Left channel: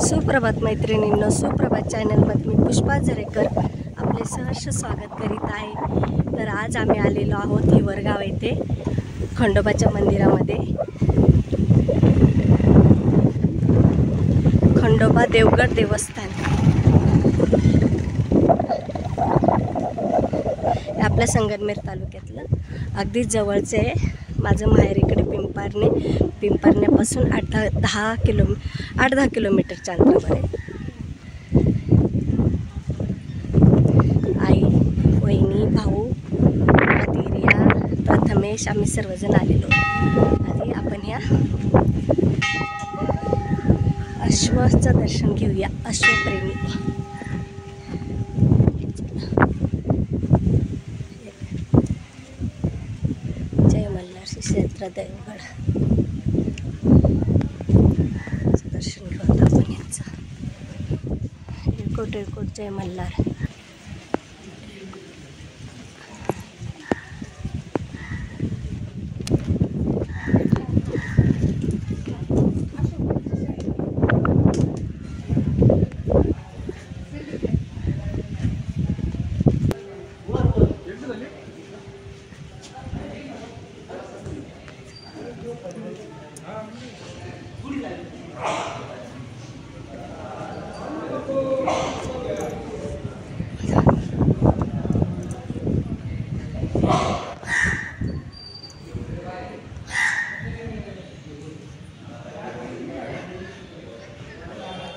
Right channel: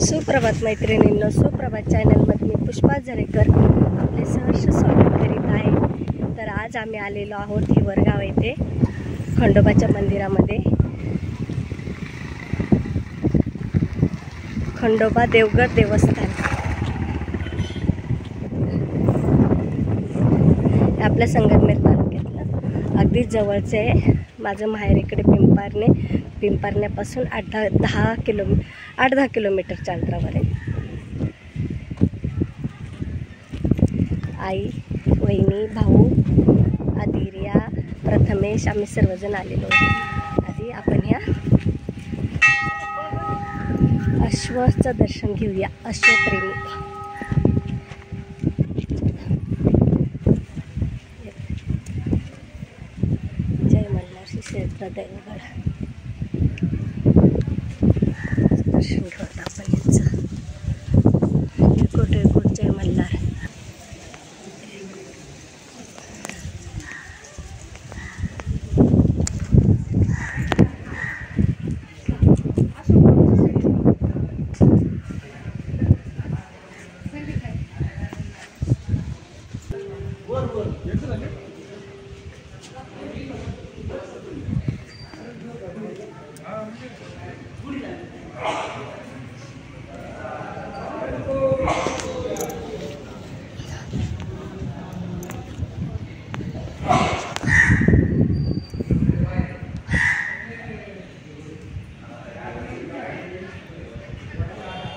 सुप्रभात मैत्रिणींनो, सुप्रभात चॅनलमध्ये मी पुष्पा जरेकर आपले सहर्ष स्वागत करीत आहे। तर आज आम्ही आलेलो आहोत हिवरगाव येथे खंडोबाच्या मंदिरामध्ये। खंडोबा देवगड देवस्थान आपल्या संगमनेर तालुक्यातलं अगदी जवळचे आहे। माझं माहेर इकडे पिंपारण्यापासून 8-10 किलोमीटरच्या अंतरावर आहे। आई, वहिनी, भाऊ, आदिर्या, प्रथमेश आम्ही सर्वजण आलेलो आहोत। आधी आपण ह्या अश्वाचं दर्शन घेऊया। अश्वप्रेमी क्षेत्र देवगड दर्शन घेऊया आपण यांचं। इळकोट जय मल्हार।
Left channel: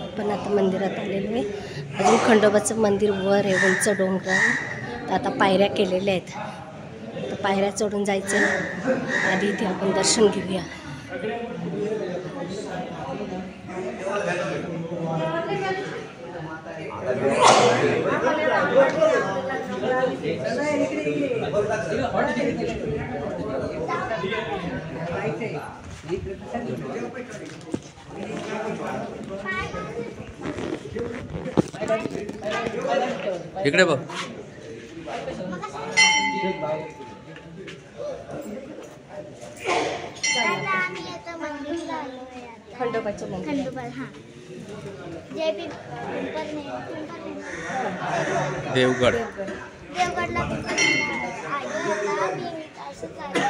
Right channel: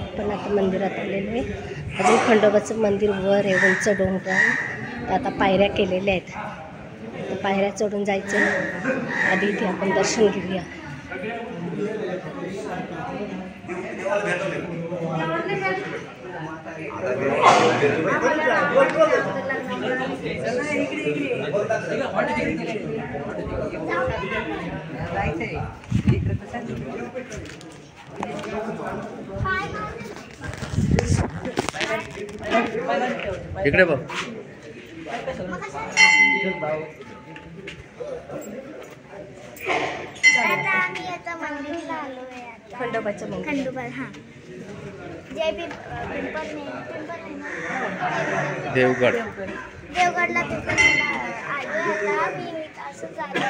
आपण आता मंदिरात आलेलो आहे। अजून खंडोबाचं मंदिर वर आहे, उंच डोंगर। तर आता पायऱ्या केलेल्या आहेत, तर पायऱ्या चढून जायचं। आधी इथे आपण दर्शन घेऊया। इकडे बघ। खंडोबाचं मंदिर। खंडोबा हां जय पिंपर देवगड देवगडला आधी आता 3 तास झाले।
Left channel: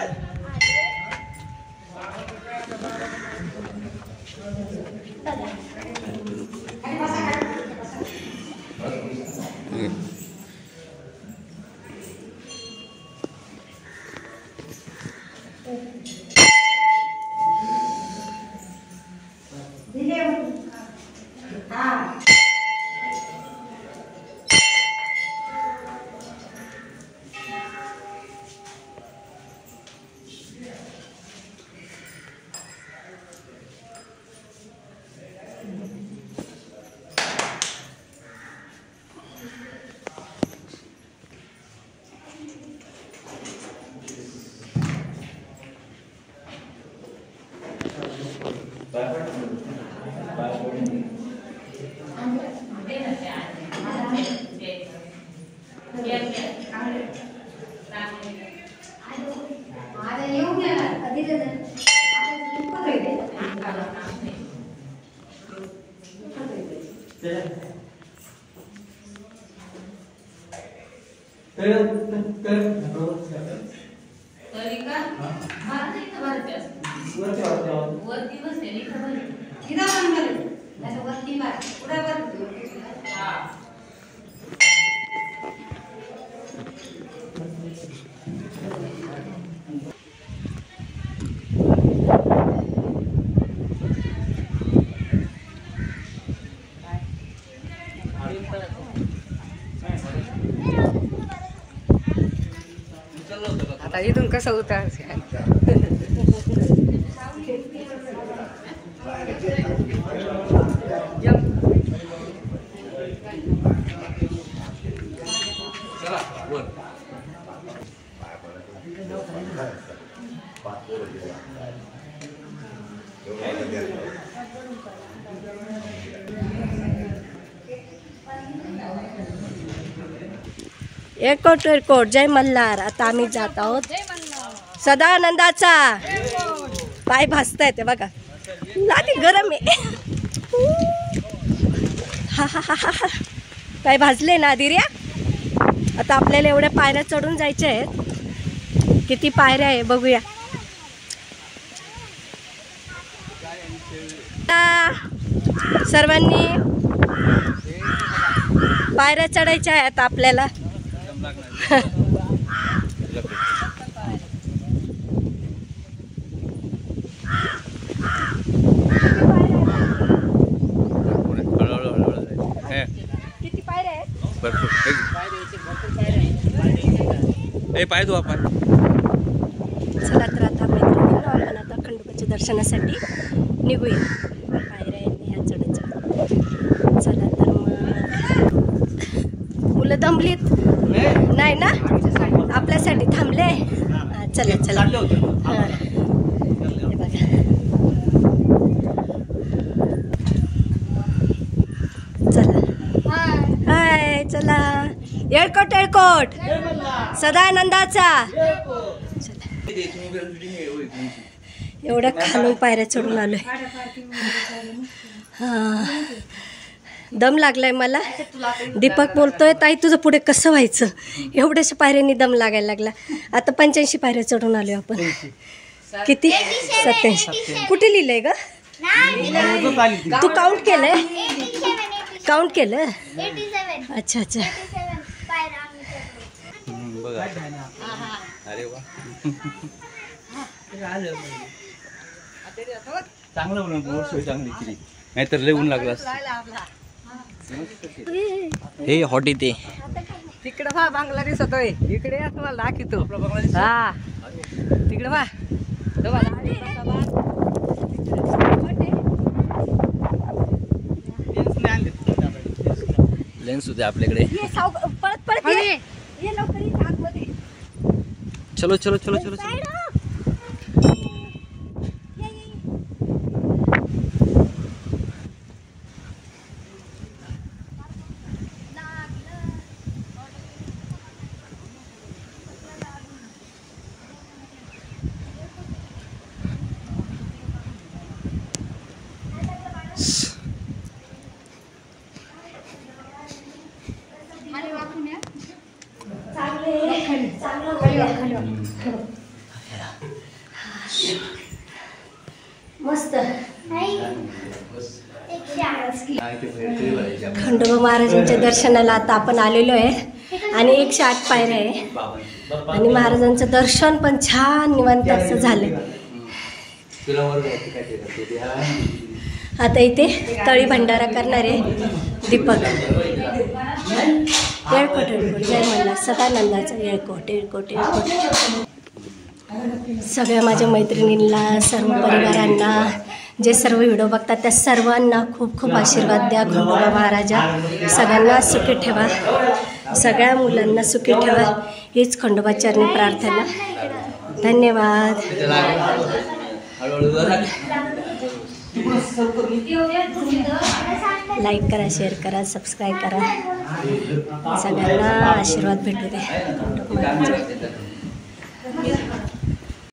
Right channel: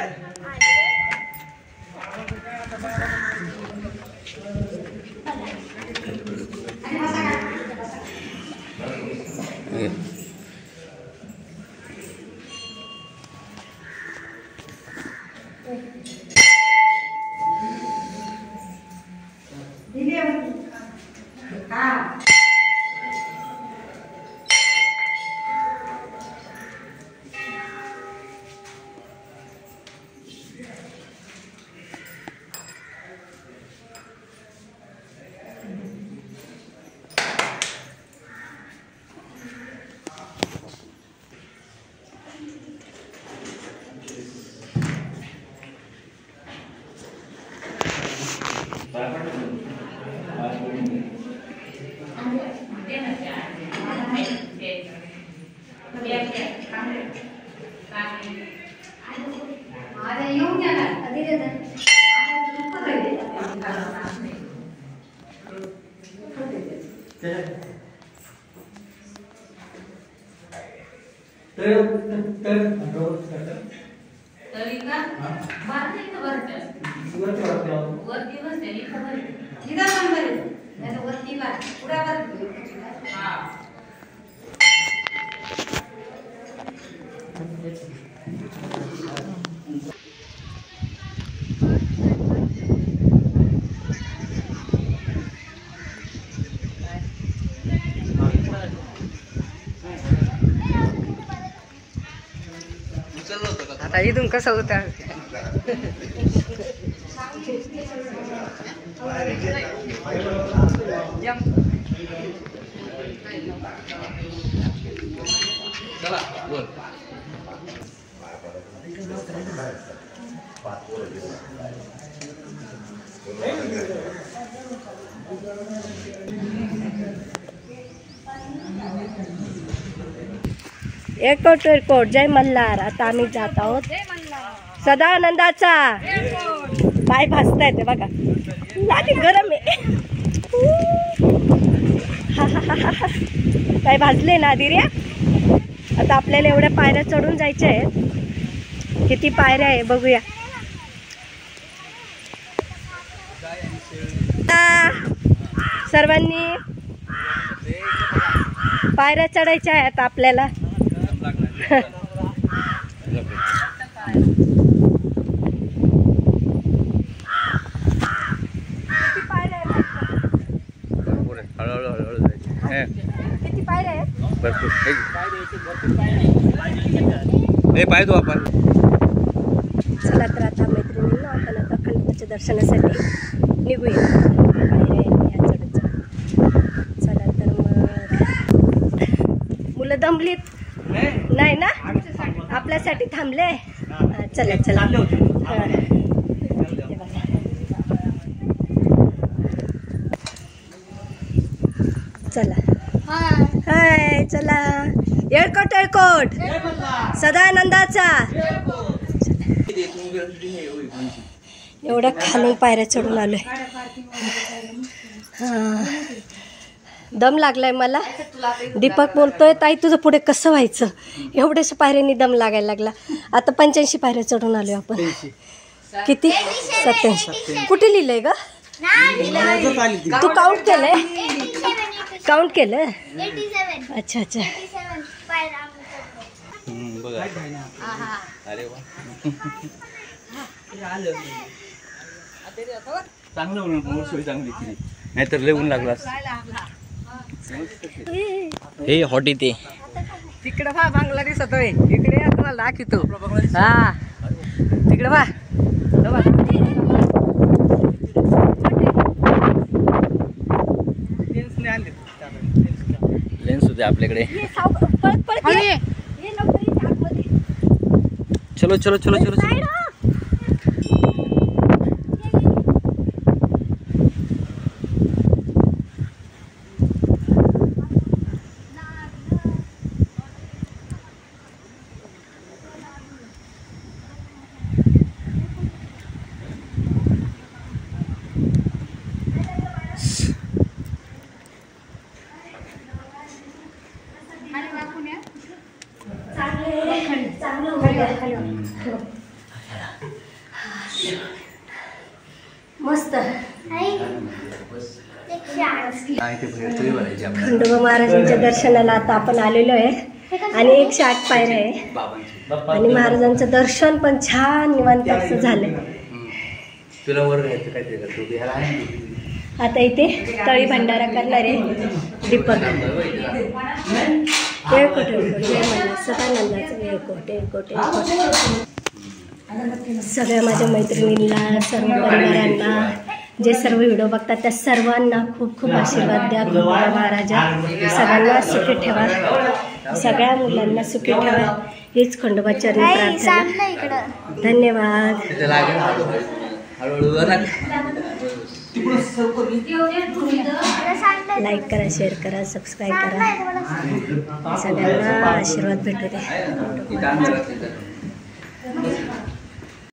आता इथून कसं होतं? एकोट जय मल्हार। आता आम्ही जात आहोत सदानंदाचा। पाय भासतायत बघा, लादी गरम आहे। काय भाजले ना दिर्या. आता आपल्याला एवढ्या पायऱ्या चढून जायच्या आहेत. किती पायऱ्या आहे बघूया. सर्वांनी पायऱ्या चढायच्या आहेत आपल्याला. किती पायऱ्या आहेत? भरपूर. पाय तो आपण. चला तर आता मैत्रिणींनो आपण आता खंडोबाच्या दर्शनासाठी निघूया. पायऱ्या आहेत ह्या चढत चढत. चला तर मग मुलं दमलीत नाही ना, आपल्यासाठी थांबले. चला चला. हां हे बघा. चला हाय चला. येळकोट येळकोट सदानंदाचा. एवढ्या खालून पायऱ्या चढून आलोय. हां दम लागलाय मला. दीपक बोलतोय ताई तुझं पुढे कसं व्हायचं, एवढ्याशा पायऱ्यांनी दम लागायला लागला. आता 85 पायऱ्या चढून आलोय आपण. किती? 87. कुठे लिहिलंय ग? तू काउंट केलंय? काउंट केलं? अच्छा अच्छा. बघा. अरे वा. चांगलं म्हणून सोय चांगली केली, नाहीतर लय ऊन लागला. हे हॉट इथे तिकडे पहा बांगला दिसत होय. इकडे या तुम्हाला दाखवतो. हा तिकडे पहा. लेन्स होते आपल्याकडे. पळत पळत ये. ये लवकर ये आतमध्ये. चलो चलो चलो चलो चलो. मस्त. खंडोबा महाराजांच्या दर्शनाला आता आपण आलेलो आहे आणि 108 पायऱ्या आहे आणि महाराजांचं दर्शन पण छान निवांत असं झालंय. आता इथे तळी भंडारा करणारे दीपक. येळकोट येळकोट जय म्हणला सदानंदाचं. येळकोट येळकोट येळकोट. सगळ्या माझ्या मैत्रिणींना, सर्व परिवारांना, जे सर्व व्हिडिओ बघतात त्या सर्वांना खूप खूप आशीर्वाद द्या. खंडोबा महाराजा सगळ्यांना सुखी ठेवा, सगळ्या मुलांना सुखी ठेवा, हीच खंडोबाचरणी प्रार्थना. धन्यवाद. लाईक करा, शेअर करा, सबस्क्राईब करा. सगळ्यांना आशीर्वाद भेटू दे खंडोबा महाराजा.